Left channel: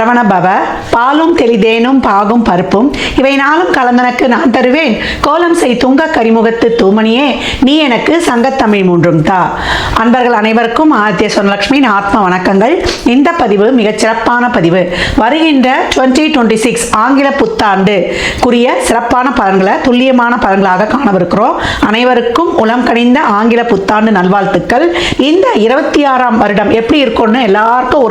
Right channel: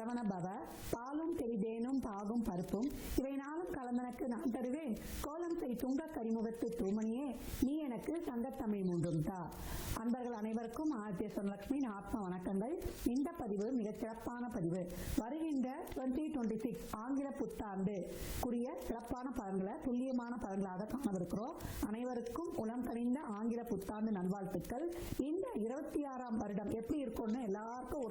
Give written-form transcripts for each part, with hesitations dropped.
சரவண பவ, பாலும் தெளிதேனும் பாகும் பருப்பும் இவை நாளும் கலந்தனக்கு நான் தருவேன், கோலம் செய் துங்க கரிமுகத்து தூமணியே நீ எனக்கு சங்கத்தமிழ் மூன்றும் தா. அன்பர்கள் அனைவருக்கும் ஆதித்ய சொர்ணலட்சுமியின் ஆத்ம வணக்கங்கள். இந்த பதிவு மிகச் சிறப்பான பதிவு. வருகின்ற 2026 ஆங்கில புத்தாண்டுக்குரிய சிறப்பான பலன்களை துல்லியமான பலன்களாக காணவிருக்கிறோம். அனைவருக்கும் உளம் கனிந்த ஆங்கில புத்தாண்டு நல்வாழ்த்துக்கள். இந்த 26ஆம் வருடம் எப்படி இருக்கும்னு எல்லாருக்கும்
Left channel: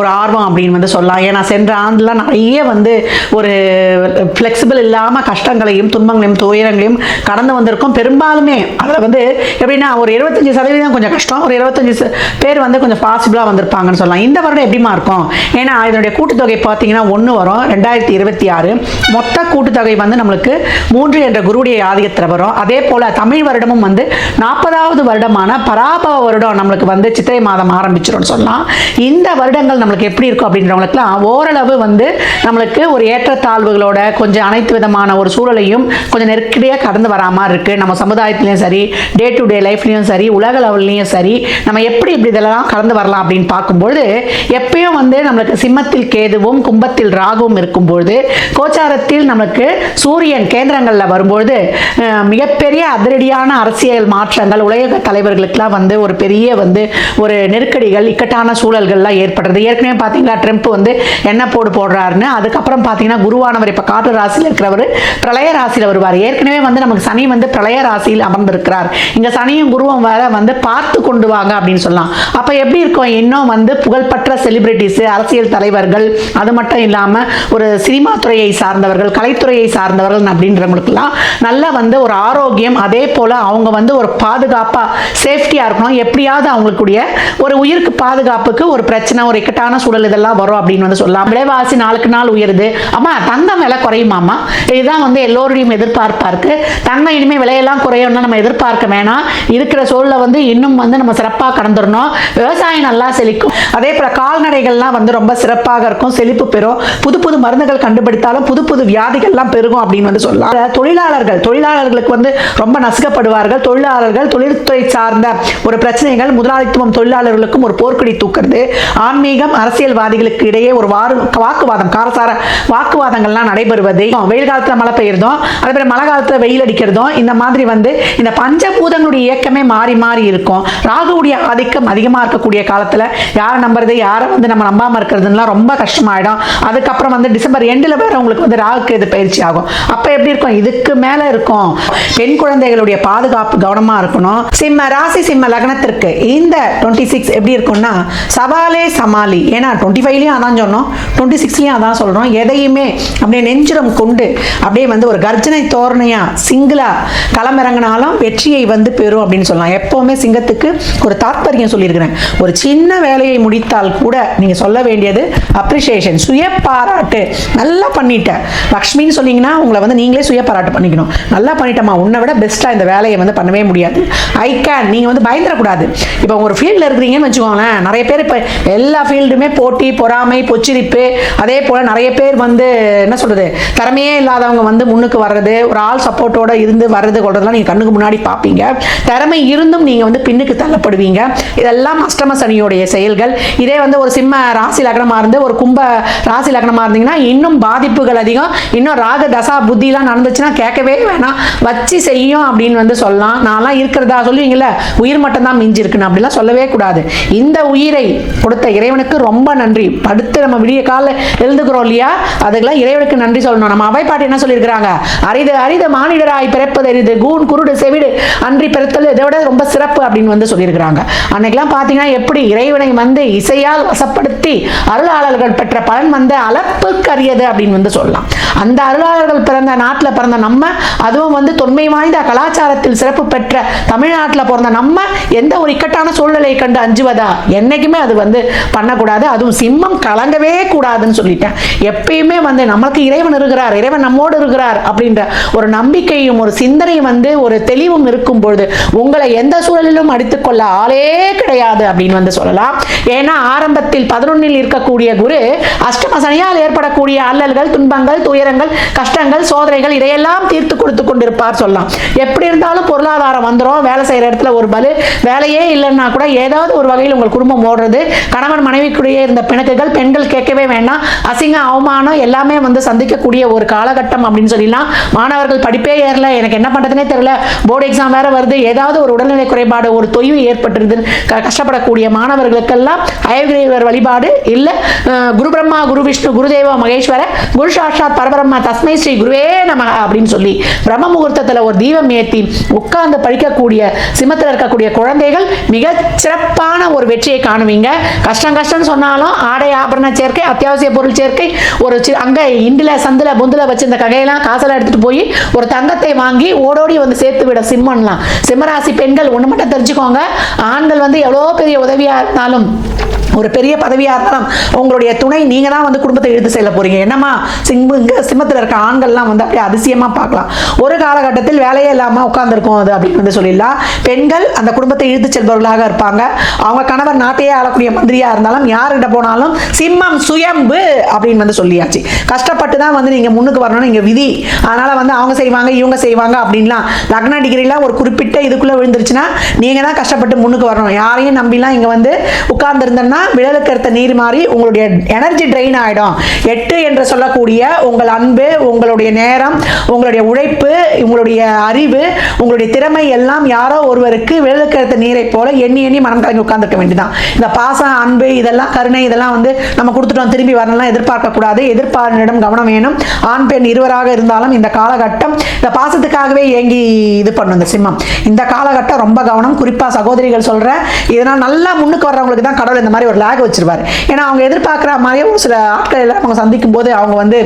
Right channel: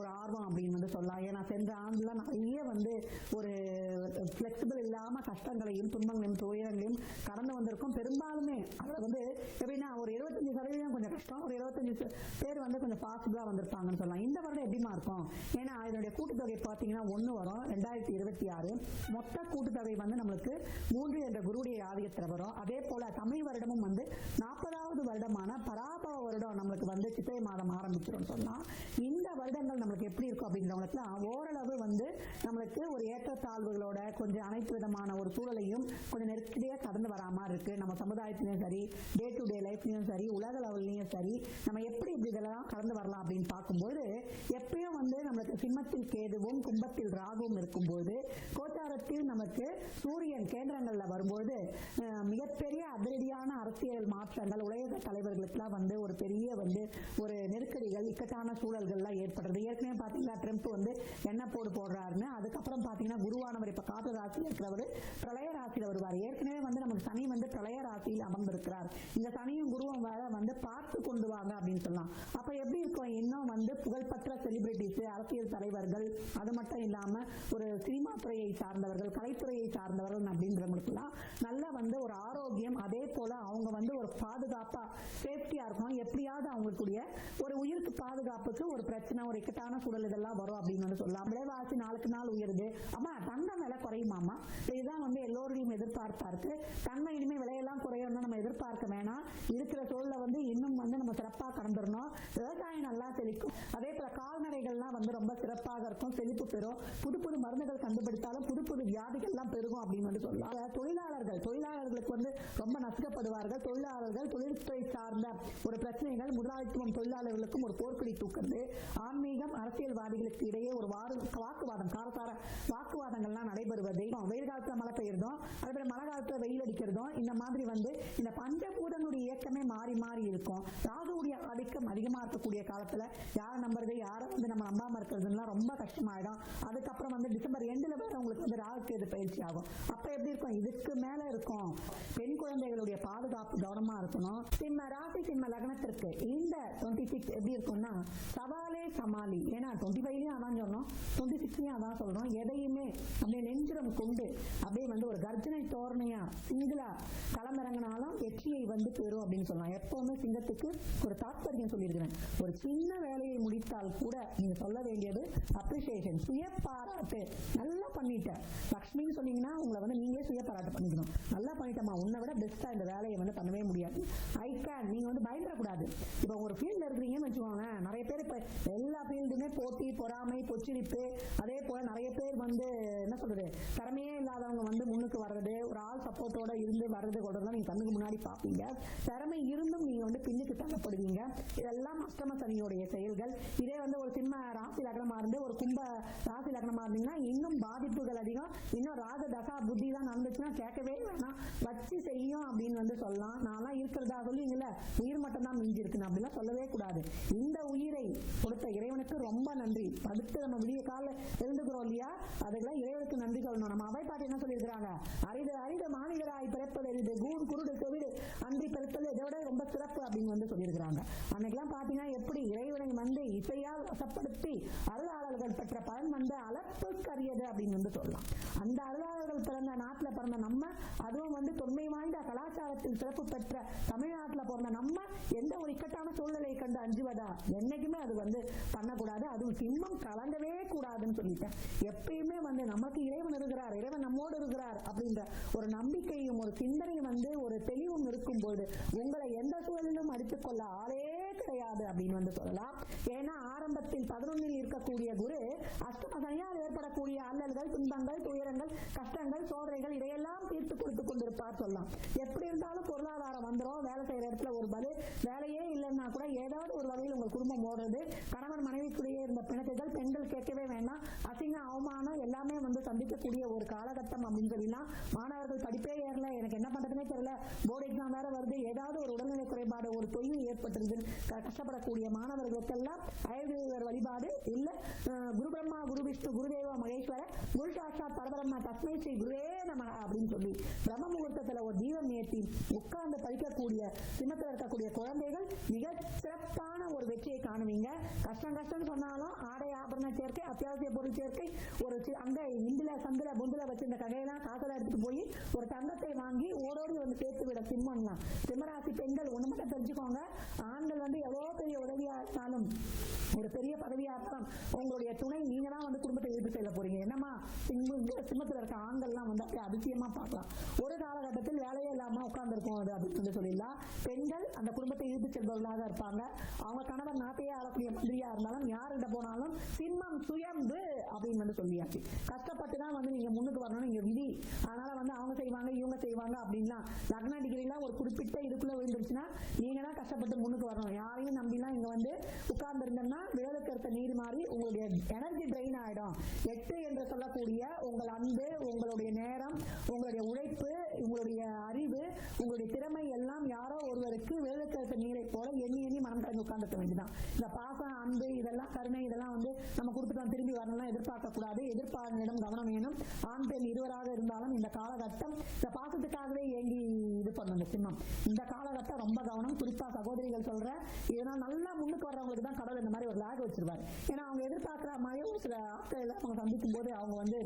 ஒரு ஆர்வம் அப்படின்னு சொல்லலாம். ஏன்னா சென்ற ஆண்டுலாம் நிறைய ஒரு ஃப்ளெக்சிபிள் இல்லாமல் கஷ்டங்களையும் துன்பங்களையும் துயரங்களையும் கடந்து வந்திருக்கும். பெரும்பாலுமே அதில் எப்படின்னா ஒரு 25% கொஞ்சம் கஷ்டம், ஒரு 25 பேர் கொஞ்சம் பாசிபிளாக வந்திருப்பாங்கன்னு சொல்லலாம். இந்த வருடம் எப்படிமா இருக்கும்? ஏன்னா இதனுடைய கூட்டுத்தொகை பார்த்தீங்கன்னா 1 வரும். 2026 மொத்த கூட்டுத்தொகை நம்மளுக்கு 3 என்ற குருவுடைய ஆதிக்கத்தில் வரும். அதே போல் தமிழ் வருடமும் 40வது வருடமான பராபவ வருடம் நம்மளுக்கு சித்திரை மாதம் ஆரம்பிச்சிடும் சொல்லலாம். இந்த வருடங்கள் நம்மளுக்கு எப்படி இருக்கும் அப்படின்றவங்களுக்குலாம் ஓரளவு நம்மளுக்கு ஒரு ஏற்றத்தாழ்வுகளோட கொஞ்சம் அனைத்து விதமான ஒரு சூழலையும் கொஞ்சம் நெருக்கடியாக கடந்து வரா மாதிரி இருக்கு. நம்ம சமுதாயத்திலையும் சரி, டே டு டே லைஃப்லையும் சரி, உலக லெவல்லையும் சரி, நம்ம எப்படி இதெல்லாம் கடந்து வரலாம் அப்படின்னு பார்க்கும்போது எப்பயும் நம்மளுக்கு சிம்மத்தில் கேதுவும் கும்பத்தில் ராகுவும் இருக்கும்போது கோச்சாரத்தில் நம்மளுக்கு சூரியன் கேந்திரங்களில் வரும்போது மிகப்பெரிய அதிரடியான அரசியல் மாற்றங்கள் உலக தலைவர்களுக்கெல்லாம் ஒரு பெரிய ஒரு நெருக்கடிகள் இக்கட்டான சூழல்கள்லாம் ஏற்படுறது. ஏற்கனவே பார்த்தீங்களா ட்ரம்ப் என்ன போடுறாருன்னு. அதுக்கப்புறம் பார்த்தீங்கன்னா குருவானவர் இப்போ காற்று ராசியில் இருக்கிறவர் பிரளய ராசியில் வருவார். ஏற்கனவே நமக்கு சனி பிரளய ராசியில் அமர்ந்திருக்கிறார். இங்கே சனியும் குருவும் வேற பார்த்து கொண்டு வாங்க அப்படின்னு சொல்லலாம். அப்போ எப்படி இருக்கும்? இன்னும் புகழ்பெற்ற செலிபிரிட்டிஸ், அரசியல் தலைவர்கள், அது மட்டும் இல்லாமல் ஒரு சினிமா துறையை சார்ந்தவர்கள், கலைத்துறையை சார்ந்தவர்கள் அப்படின்றவங்களுக்குலாம் நல்ல ஒரு ஆரோக்கியம், அதே போல் அவங்க ஒரு பாதுகாப்பாக சேஃப்டியாக இருக்கணும். எப்படியாவது அவங்களுக்குடைய ஒரு உயிருக்கு பாதுகாப்புக்கு ஒரு பிரச்சனை, ஒரு இக்கட்டான சூழல் இதெல்லாம் வரும் அப்படின்னு சொல்லலாம். விலைவாசி நாளுக்கு நாள் உயருது. அம்மா தங்கம் விலை குறையுமாம்மா? இதுதான் எல்லோருடையும் எதிர்பார்ப்பா இருக்கு. தங்கம் இனிமேல் விலையெல்லாம் குறையும்னு நம்ம எதிர்பார்க்க வேணாம். இருக்கிற சூழலை இன்னும் நம்ம சிறப்பாக கடந்துடணும். விவசாயம் நல்லா செழிக்கும். அதே போல கால்நடைகள்லாம் ரொம்ப சிறப்பாக இருக்கும், செழிப்பு பெறும். புது புது மருந்துகள் கண்டுபிடித்தாலும் புது புது வியாதிகள்லாம் பெருகும் அப்படின்னு சொல்லலாம். தொழிலாளர்களுக்கு ரொம்ப நசுக்கப்படுவார்கள். தொழில்துறை சார்ந்த ஒரு பிரச்சனைகள், முதலாளித்துவம் தொழிலாளர்களுக்கும் ஒரு போர்க்கொடி தூக்குறது, ஆன்மீகம் அரசியல்வாதிகளுக்கு இடையே ஒரு வாக்குவாதம், காரசார வாக்குவாதங்கள்லாம் நடைபெறுவது, வெயில் காலத்துல மழை பெய்யறதும், அதே போல மழை காலத்துல வெயில் அடிக்கிறதும், இந்த மாதிரி இந்த பஞ்சபூதங்களுடைய இயக்கமே மாறி மாறி இருக்கும். ராகுவுடைய ஆதிக்கம் அதிகமா இருக்கக்கூடிய காலத்துல யாரை நம்புறது, யாரை நம்ம நம்பாம இருக்கிறதுலாம் ரொம்ப கஷ்டமாயிடும். அதுக்கப்புறம் டிசம்பர் எண்டில் வேற உங்களுக்கு ராகுக்கு இது பயிற்சி ஆகும். அப்ப எப்படி இருக்கும்? இதுக்கு மேல இருக்கும். பெண் குழந்தைகளுடைய பாதுகாப்பு கவனமா இருக்கணும். சிம்ம ராசி சிம்ம லக்னத்திற்கு இந்த 26 எப்படி இருக்கும்னா சவாலே சமாளி. ஏன்னா 25லயும் அதான் சொன்னோம், 26லயும் அதான் சொல்றோம். எதையுமே அப்படியே நெஞ்சுரம் கொண்டு அப்படியே ஒரு கர்ஜனை தோரணையா சிங்கிளா களமிறங்கினாலும் வெற்றியை பெறும் அப்படின்னு சொல்லலாம். எப்பவுமே சிங்கத்துக்கு ஒரு தாற்பயம் சொல்லியிருக்கிறேன். ஒரு சின்ன வேலையை முடித்தால் கூட நீங்க சொல்ல வேண்டியது அப்ரிசியேஷன், சுய பாராட்டு. நல்லா பண்ணிட்ட லக்ஷ்மின்னு சொன்னீங்கன்னா உங்களை நீங்களே சுய பாராட்டு பண்ணிக்கணும். நல்லா பண்ணிட்டமா, உன்னை விட பெஸ்டா இந்த வேலையை பண்ணவே முடியாது, ஐ கேன். நீங்க பயந்துடக்கூடாது. இப்போ ஒரு ஃபீல்டில் இருக்கிறீங்கன்னு வச்சுக்கோங்களேன். நிறைய பேர் இப்போ எல்லா ஃபீல்டுமே போட்டி, பொறாமை, பொச்சிரிப்பு, அதே போல் நிறைய பேர் என்ன சொல்றது, திறமையே இல்லாதவங்க முன்னுக்கு வர்றது, ஒரு ஆள் சப்போர்ட்டோட இருந்து வர்றது கொள்றதுலாம் நீங்கள் கண்ணுக்கு முன்னாடி பார்ப்பீங்க. திறமை இருந்தும் நீங்கள் பின்னுக்கு தள்ளப்படுவீங்க. இதெல்லாம் அஷ்டம சனியோடைய செயல்கள். இதே ஒரு சிம்ம ராசி லக்னமாக இருந்து ஒரு கும்ப ராசி லக்னமாக இருந்தீங்கன்னா இன்னும் பாதிப்புகள் அதிகம். இன்னும் ராக தசா புத்திலாம் நடந்துச்சுன்னா கேட்கவே வேணாம், வச்சு செய்யும் அப்படின்னு சொல்லலாம். நான்லாம் இருக்கிறதா சொல்லுவீங்கல்ல, உயிர் மட்டும் தான் மிஞ்சி இருக்குன்னு அப்படிலாம் சொல்லவே கூடாது. இந்த உயிரை கொடுத்த இறைவனுக்கு ரொம்ப நன்றி. படுத்து நம்ம விடிய கால எழுந்துக்கிறோம் இல்லையா, அதுக்கெல்லாம் இறைவனுக்கு நன்றி சொல்லணும். நம்ம அவை பாட்டு என்ன சொல்லியிருக்கிறாங்க? அரிது அரிது மானிடராய் பிறப்பது அரிது, கூன் குருடு செவிடு அன்றி பிறத்தல் இதை விட ரொம்ப சிறப்பு அப்படின்னு சொல்லியிருக்கிறாங்க. அன்னைக்கெல்லாம் பார்த்தீங்கன்னா எப்படி இறைவனை இசையால் வசப்படுத்தி அருளாளர்கள் பெற்ற பலன் அளப்புக்கரியது அப்படின்னு சொல்லலாம். அந்த அருளாளர்கள் பிறந்த நாட்டில் பிறந்த நம்ம, அதுவும் தொன்மை வாய்ந்த கலாச்சாரத்தில் சிறப்பு பெற்ற தமிழ்நாட்டில் பிறந்த நம்ம எந்த ஒரு இக்கட்டான சூழ்நிலையை கண்டு அஞ்சுவதா? என்னைக்குமே அது பண்ணக்கூடாது. அதுவும் சிம்மம் கலங்கவே கூடாதுன்னு சொல்லிட்டேன். எப்பயுமே நமக்கு இறைவன் இருக்கிறார், இறைவன் நம்மோடு இருக்கிறார் அப்படின்ற ஒரு நம்பிக்கையும் ஒரு சிந்தனையும் ஒரு தெளிவும் இருக்கும் பொழுது உங்களை எந்த சூழலிலும் அடித்துக்கொள்ள ஆளே கிடையாது அப்படின்னு சொல்லலாம். ஏன்னா ஆரம்பத்தில் 11 இருக்கக்கூடிய குரு அஷ்டம சனியால் ஏற்படக்கூடிய அல்லல்கள், துன்பங்கள், துயரங்கள், கஷ்டங்கள், சோதனைகள் இதையெல்லாம் தீர்த்து கொடுத்து கொண்டிருப்பார் சொல்லலாம். எப்படி இருந்தாலும் பொருளாதாரம் வந்துடும். வேலை செய்யற இடத்துல ஒரு பலு, வேலையே இல்லைன்னா கூட ஏதாவது ஒரு வகையில் உங்கள் குடும்பம் ஓடுறது, கணவன் மனைவிக்குள்ளேயே இருந்த பிணக்குகள், பெண்கள் கேட்கவே வேண்டாம். அசிங்க அவமானம் எல்லாமே வந்து சந்திக்கக்கூடிய ஒரு காலகட்டம் அப்படின்னு சொல்லலாம். மாணவர்கள் படிப்பே ஏறல, எனக்கு என்ன பண்றதுனே தெரியல, போர்டு எக்ஸாம் வேற வருது, ஏதாவது ஒரு உடல்நிலை குறைபாடு ஒரு தொய்வு ஏற்பட்டுருது கஷ்டப்படக்கூடிய மாணவர்களுக்கெல்லாம் ஹயக்ரீவர் வழிபாடு இல்ல குரு பிரம்மா குரு விஷ்ணு குருதேவ மகேஸ்வர குரு சாட்சாத் பரபிரம்மா தஸ்மை ஸ்ரீ குருவே நமக அப்படின்னு சொல்லி பிரம்ம முகூர்த்தத்தில் ஒரு தீபம் ஏற்றி உட்கார்ந்து படிக்கக்கூடிய சிம்மத்தில் இருக்கக்கூடிய குழந்தைகள் மிக சிறப்பான ஒரு வெற்றியை காணுவீங்க. கஷ்டம் சொன்னாலும் ஆடை ஆபரண சேர்க்கை, அத்தியாவசிய பொருள் சேர்க்கை, ஒரு அங்க இண்டில சந்தில பொந்துல வச்சு இந்த ககையெல்லாம் காசெல்லாம் எடுத்துட்டு போய் ஒரு தங்கத்தை வாங்கி ஓடோடி வந்து சேர்த்து விட சிம்மன்லாம். சிம்மராசி பெண்கள் ஒண்ணு மட்டும் தெரிஞ்சுக்கோங்க, ஆண்கள் வந்து எவ்வளவு பெரிய உதவியா இருந்தாலும் ஒரு பெரிய பதவியா இருந்தாலும் உங்களுடைய துணை நீங்க தான் வந்து குடும்பத்தை இழுத்து செல்ல போறீங்க. என்னமா சிம்மத்தில் இருக்க ஆண்கள்லாம் வந்து அப்படியே அதிசயமா பார்க்கலாம். ஒரு காலகட்டத்தில் வேலையே இல்லாம உட்கார்ந்துருக்கும் அது அப்படின்னு வந்து சொல்லிடலாம். பெண்கள் அந்த குடும்பத்தை இழுத்து செல்பவர்களாக இருப்பாங்க. அவங்க கணவர் நாட்டையே ஆளக்கூடிய மந்திரியா இருந்தாலும் யார்கிட்ட போனாலும் சிம்மம் சுயம்பு அப்படின்னு வந்து சொல்லியாச்சு. கஷ்டப்பட்டு தான் வந்து நீங்க முன்னுக்கு வரணும்னு இங்க விதி. அதனால வந்து அவங்க செய்வாங்க இவங்க செய்வாங்க அப்படின்லாம் லக்ன டிகிரிலாம் ஒரு குறிப்பிட்ட இதுக்குள்ள விழுந்துருச்சுன்னா நீங்க தான் கஷ்டப்பட்டு முன்னுக்கு வரணும். யாரையும் நம்பிலாம் இங்க வந்து உட்கார்ந்து இருந்தேன்னா விழலுக்கு எடுத்த நீர் மாறி உங்களுடைய எனர்ஜி ட்ரெயின் ஆயிடும். 8 என்று சொல்லக்கூடிய உங்கள் அன்பு, உங்களுடைய நேரம், உங்களுடைய உழைப்பு, உங்களுடைய அறிவு, உங்களுடைய திறமை எல்லாம் யாரோ ஒருவருக்கு விழலுக்கு எடுத்த நீரை போல எண்ணி மனம் கலங்கி உட்கார்ந்துக்க வேண்டியதான். இந்த பாசம், அன்பு, இதெல்லாம் கருணை, இதெல்லாம் வந்து நம்ம கொடுத்துட்டோம் திரும்பி வரலாம் எதிர்பார்க்க கூடாது. எதிர்பார்ப்பிடம் கவனம் வேணும். ஆண் பெண் இருவராக இருந்தாலும் இந்த காலகட்டம் இந்த பாசத்துக்காகவே ஏங்கி இது பண்ணும் இந்த சிம்மம். இந்த காலகட்டம் ரொம்ப கவனம். குறிப்பா சகோதரிகள் சொல்றேன், இதனால் நல்லா முன்னுக்கு வர்றவங்களுக்கு தான் கடவுள் இந்த மாதிரி ஒரு லேக் வச்சிருவாரு. ஏன்னா அவங்க எதிர்பார்க்குற மாதிரியே ஒரு சில ஆட்கள் எல்லாம் அவங்க சந்திக்கும் போது அவங்க வந்து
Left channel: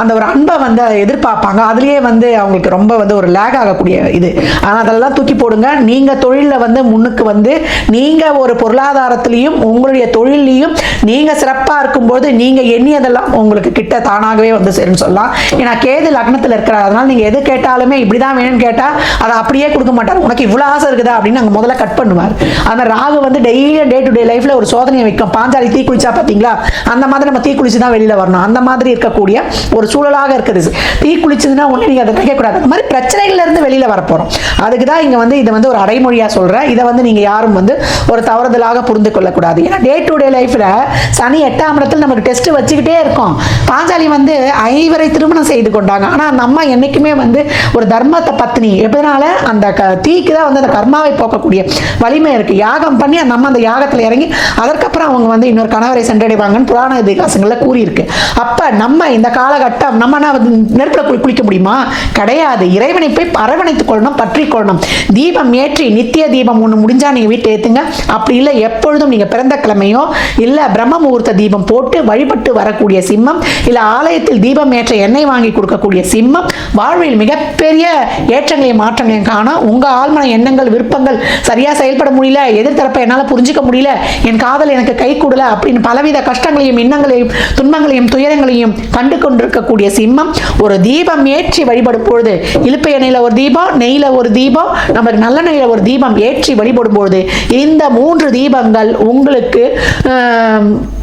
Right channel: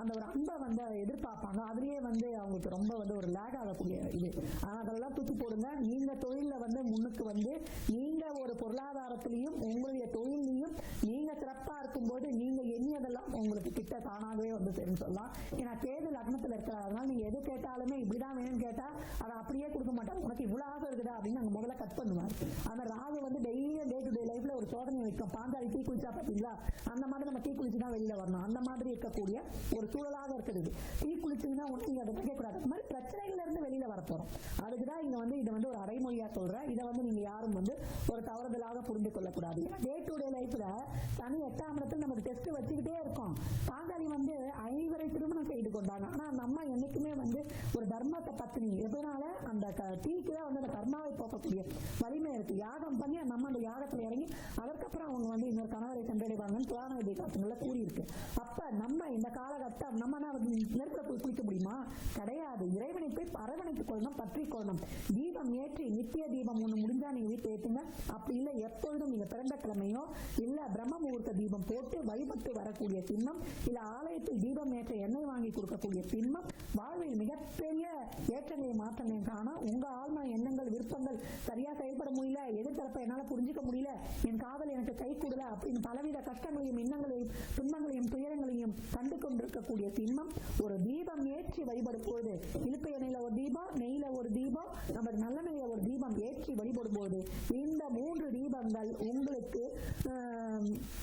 அந்த ஒரு அன்பை வந்து எதிர்பார்ப்பாங்க. அதுலயே வந்து அவங்களுக்கு ரொம்ப வந்து ஒரு லேக் ஆகக்கூடிய இது. ஆனால் அதெல்லாம் தூக்கி போடுங்க. நீங்க தொழிலில் வந்து முன்னுக்கு வந்து நீங்க ஒரு பொருளாதாரத்திலையும் உங்களுடைய தொழிலையும் நீங்க சிறப்பாக இருக்கும்போது நீங்க எண்ணியதெல்லாம் உங்களுக்கு கிட்ட தானாகவே வந்து சேரும்னு சொல்லலாம். ஏன்னா கேது லக்னத்தில் இருக்கிறார். அதனால நீங்க எது கேட்டாலுமே இப்படிதான் வேணும்னு கேட்டா அதை அப்படியே கொடுக்க மாட்டார். உனக்கு இவ்வளவு ஆசை இருக்குதா அப்படின்னு நாங்கள் முதல்ல கட் பண்ணுவார். ஆனால் ராகு வந்து டெய்லியும் டே டு டே லைஃப்ல ஒரு சோதனையை வைக்கும். பாஞ்சாலி தீ குளிச்சா பாத்தீங்களா, அந்த மாதிரி நம்ம தீ குளிச்சு தான் வெளியில வரணும். அந்த மாதிரி இருக்கக்கூடிய ஒரு சூழலாக இருக்குது. தீ குளிச்சதுன்னா ஒண்ணு நீங்க அதை நினைக்க கூடாது. அந்த மாதிரி பிரச்சனைகள்ல இருந்து வெளியில வரப்போறோம். அதுக்கு தான் இங்க வந்து இதை வந்து ஒரு அடைமொழியா சொல்றேன். இதை வந்து நீங்க யாரும் வந்து ஒரு தவறுதலாக புரிந்து கொள்ளக்கூடாது. ஏன்னா டே டு டே லைஃப்ல சனி 8ஆம் இடத்துல நமக்கு டெஸ்ட் வச்சுக்கிட்டே இருக்கும். பாஞ்சாலி வந்து 5 திருமணம் செய்து கொண்டாங்க. ஆனா அந்த அம்மா என்னைக்குமே வந்து ஒரு தர்மத்தை பத்னி. எப்படினால அந்த தீக்கு தான் வந்து அந்த கர்மாவை போக்கக்கூடிய வலிமை இருக்கு. யாகம் பண்ணி அந்த அம்மா அந்த யாகத்துல இறங்கி அதற்கப்புறம் அவங்க வந்து இன்னொரு கணவரை சென்றடைவாங்கன்னு புராண இதிகாசங்கள்ல கூறியிருக்கு. அப்ப நம்ம இந்த காலகட்டம் நம்ம நெருப்புல குளிக்க முடியுமா? கிடையாது. இறைவனை போய் அரவணைத்துக் கொள்ளணும், பற்றி கொள்ளணும். தீபம் ஏற்றி நித்திய தீபம் ஒண்ணு முடிஞ்சா நீங்க வீட்டை ஏத்துங்க. அப்படி இல்லை எப்பொழுதும் நீங்க பிறந்த கிழமையோ இல்ல பிரம்ம முகூர்த்த தீபம் போட்டு வழிபட்டு வரக்கூடிய சிம்மம், இல்ல ஆலயத்தில் தீபம் ஏற்ற எண்ணெய் வாங்கி கொடுக்கக்கூடிய சிம்மம் வாழ்வில் மிகப்பெரிய ஏற்றங்களையும் மாற்றங்களையும் காண உங்க ஆழ்மன எண்ணங்கள் விருப்பங்கள் சரியா செயல்பட முடியல, எதிர்த்தரப்பை என்னால புரிஞ்சுக்க முடியல, என் காதல் எனக்கு கை கூடல அப்படின்னு பலவித கஷ்டங்களையும் இன்னங்களையும் துன்பங்களையும் துயரங்களையும் கண்டு கொண்டிருக்கக்கூடிய சிம்மம் ஒரு தீபம் ஏற்றி வழிபடும் பொழுது இழுப்பு எண்ணெயில ஒரு தீபம், நெய்யில ஒரு தீபம், நமக்கு நல்ல நெய்யில ஒரு தீபம் ஏற்றி வழிபடும் பொழுது இந்த 3 தீபங்கள் உங்களுக்கு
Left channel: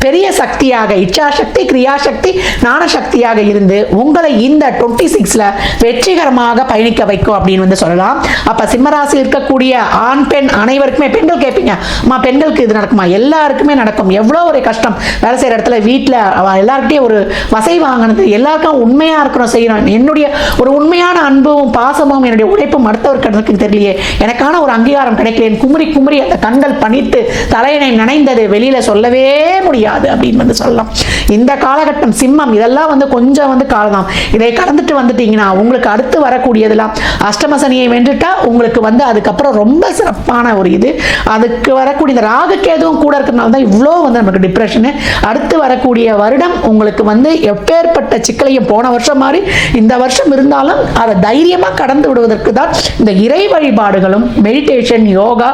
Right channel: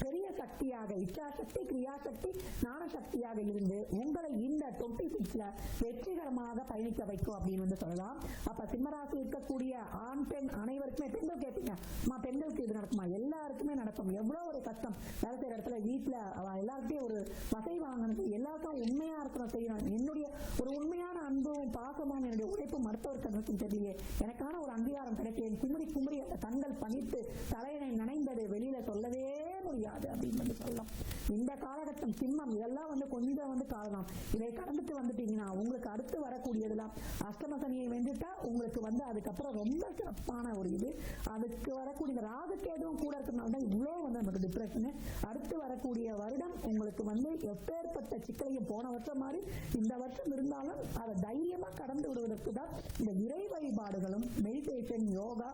பெரிய சக்தியாக இச்சாசக்தி, கிரியாசக்தி, ஞான சக்தியாக இருந்து உங்களை இந்த 26ல வெற்றிகரமாக பயணிக்க வைக்கும் அப்படின்னு வந்து சொல்லலாம். அப்ப சிம்மராசி இருக்கக்கூடிய ஆண் பெண் அனைவருக்குமே, பெண்கள் கேட்பீங்க அம்மா பெண்களுக்கு இது நடக்குமா? எல்லாருக்குமே நடக்கும். எவ்வளோ ஒரு கஷ்டம் வேலை செய்யற இடத்துல வீட்டில் எல்லார்கிட்டையும் ஒரு வசை வாங்கினது, எல்லாருக்கும் உண்மையா இருக்கணும், செய்யணும். என்னுடைய ஒரு உண்மையான அன்பும் பாசமும் என்னுடைய உழைப்பும் அடுத்தவருக்கு தெரியலையே, எனக்கான ஒரு அங்கீகாரம் கிடைக்கல, குமரி குமரி அந்த கண்கள் பணித்து தலையணை நனைந்தது வெளியில சொல்லவே முடியாது அப்படின்னு வந்து சொல்லலாம். இந்த காலகட்டம் சிம்மம் இதெல்லாம் வந்து கொஞ்சம் வந்து காலம். இதை கடந்துட்டு வந்துட்டீங்கன்னா உங்களுக்கு அடுத்து வரக்கூடியதெல்லாம் அஷ்டம சனியை வென்றுட்டா உங்களுக்கு வந்து அதுக்கப்புறம் ரொம்ப சிறப்பான ஒரு இது. அதுக்கு வரக்கூடிய இந்த ராகு கேதுவும் கூட இருக்கிறதுனால தான் இவ்வளோ வந்து நமக்கு டிப்ரெஷனு. அடுத்து வரக்கூடிய வருடம் உங்களுக்கு வந்து எப்பேற்பட்ட சிக்கலையும் போன வருஷம் மாதிரி இந்த வருஷம் இருந்தாலும் அதை தைரியமா கடந்து விடுவதற்கு தான் இந்த இறை வழிபாடுகளும் மெடிடேஷன், யோகா,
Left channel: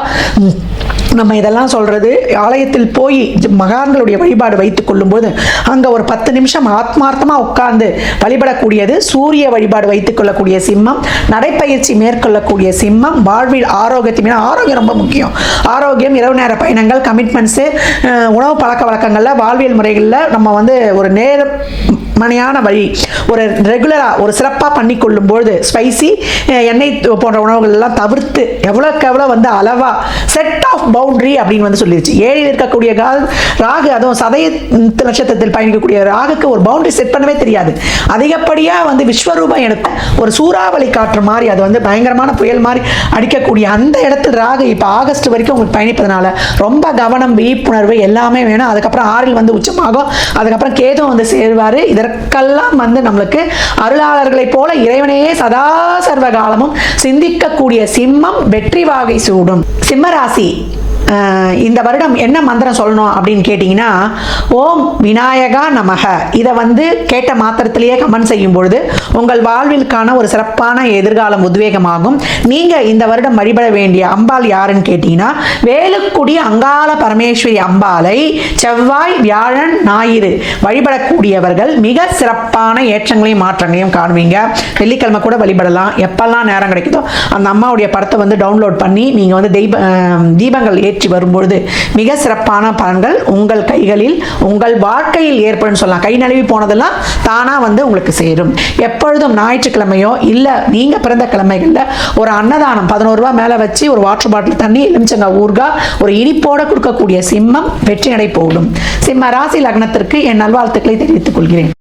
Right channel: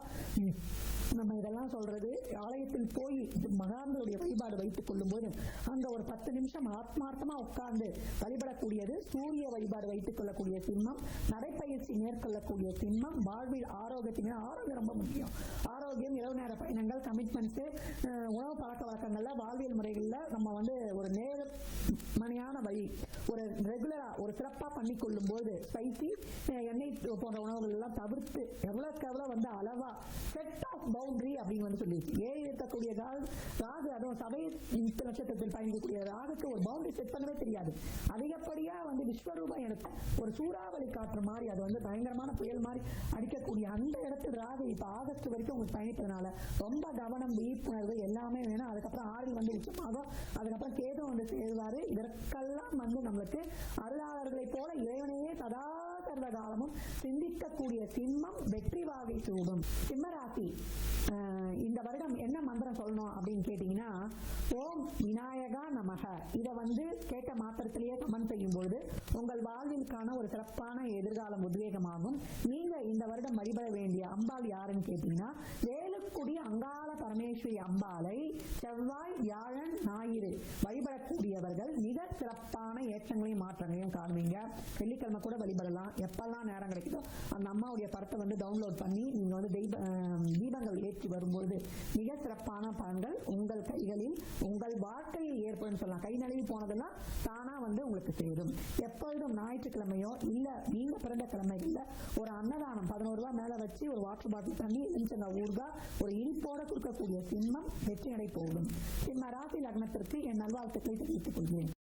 நம்ம இதெல்லாம் சொல்றது. ஆலயத்தில் போய் மகான்களுடைய வழிபாடு வைத்துக் கொள்ளும் போது அங்க ஒரு 10 நிமிஷம் ஆத்மார்த்தமா உட்கார்ந்து வழிபடக்கூடியது. சூரிய வழிபாடு வைத்துக் கொள்ளக்கூடிய சிம்மம், நடைப்பயிற்சி மேற்கொள்ளக்கூடிய சிம்மம், வாழ்வில் ஆரோக்கியத்தை, ஆரோக்கியம் ரொம்ப முக்கியம். ஆரோக்கியம், இரவு நேர பயணங்கள், கமிட்மெண்ட்ஸ், உணவு பழக்க வழக்கங்கள்ல, வாழ்வியல் முறைகள்ல நம்ம வந்து ஒரு நேரம் மனையான வழி ஒரு ரெகுலராக ஒரு சிறப்பாக பண்ணி கொள்ளும்பொழுது ஸ்பைசி எண்ணெய் போன்ற உணவுகள் எல்லாம் தவிர்த்து எவ்வளோக்கு எவ்வளோ வந்து அளவாக செட் ஆஃப் பவுண்டரி அப்படின்னு வந்து சொல்லிடுச்சு. 7 இருக்கக்கூடிய ராகு, அதுவும் சதய நட்சத்திரத்தில் பயணிக்கக்கூடிய ராகுக்கு ஒரு பவுண்டரி செட் பண்ணவே தெரியாது. அதிகப்படியாக வந்து விஸ்வரூபம் எடுத்த ஒரு சூறாவளி காற்று மாதிரி அது வந்து பயங்கரமான புயல் மாதிரி அடிக்கக்கூடிய அந்த இடத்துல ராகு இப்போ ஆகஸ்ட் வரைக்கும் உங்களுக்கு பயணிப்பதனால ரொம்ப கவனம், விழிப்புணர்வு எல்லாமே வேணும். அதுக்கப்புறம் 6 வந்து உச்சமாகும். அதுக்கப்புறம் கேது வந்து சேருவார். இதற்கெல்லாம் வந்து நம்மளுக்கு அருளாளர்களைப் போல இறைவனையே சதா சர்வ காலமும் சிந்திக்கக்கூடிய சிம்மம் வெற்றி வாகை சூடும். சிம்மராசி இந்த வருடம் என்ன மந்திரம் சொல்லணும் அப்படின்னு கேட்டிங்கன்னா, ஓம் விநாயகா நமக. இதை வந்து கேட்ட மாத்திரத்திலேயே கமெண்ட் செய்யும் பொழுது உங்கள் வாழ்விற்கான ஒரு சிறப்பான எதிர்காலம் உத்வேகமாகும். நீங்கள் இந்த வருடம் வழிபட வேண்டிய அம்பாள் யாருன்னு கேட்டிங்கன்னா, வேலுக்குடி அங்காள பரமேஸ்வரி அம்பாளை செவ்வாய், வியாழன், ஞாயிறு வழிபடக்கூடியவர்கள் மிக சிறப்பான ஏற்றங்களையும் மாற்றங்களையும் காணுவீங்க. வெள்ளிக்கிழமை கூட வழிபடலாம். எப்பெல்லாம் நேரம் கிடைக்குதோ அந்த அம்மாவுடைய படத்தை வந்து டவுன்லோட் பண்ணி நீங்கள் வந்து தீபங்கள் ஏற்றி வரும்பொழுது மிக சிறப்பான பலன்கள் உங்கள் கைகளில் உங்கள் வாழ்க்கையில் ஏற்படும் சொல்லலாம். கை நழுவி போனதெல்லாம் தானா வந்து உங்களுக்கு சேரும். எப்பொழுதும் ஞாயிற்றுக்கிழமையோ இல்லை நீங்க பிறந்த கிழமைகளில் ஒரு அன்னதானம் 11 ரூபாய் மேலே வச்சு ஒரு வாட்டர் பாட்டில் தண்ணி, எலுமிச்சங்காய் ஊறுகாய் ஒரு இனிப்போட கொடுக்கக்கூடிய சிம்மம் வெற்றி நடை போடும். சிம்ம ராசி லக்னத்திற்கு என் நல்வாழ்த்துக்களை தெரிவித்துக் கொள்கிறேன்.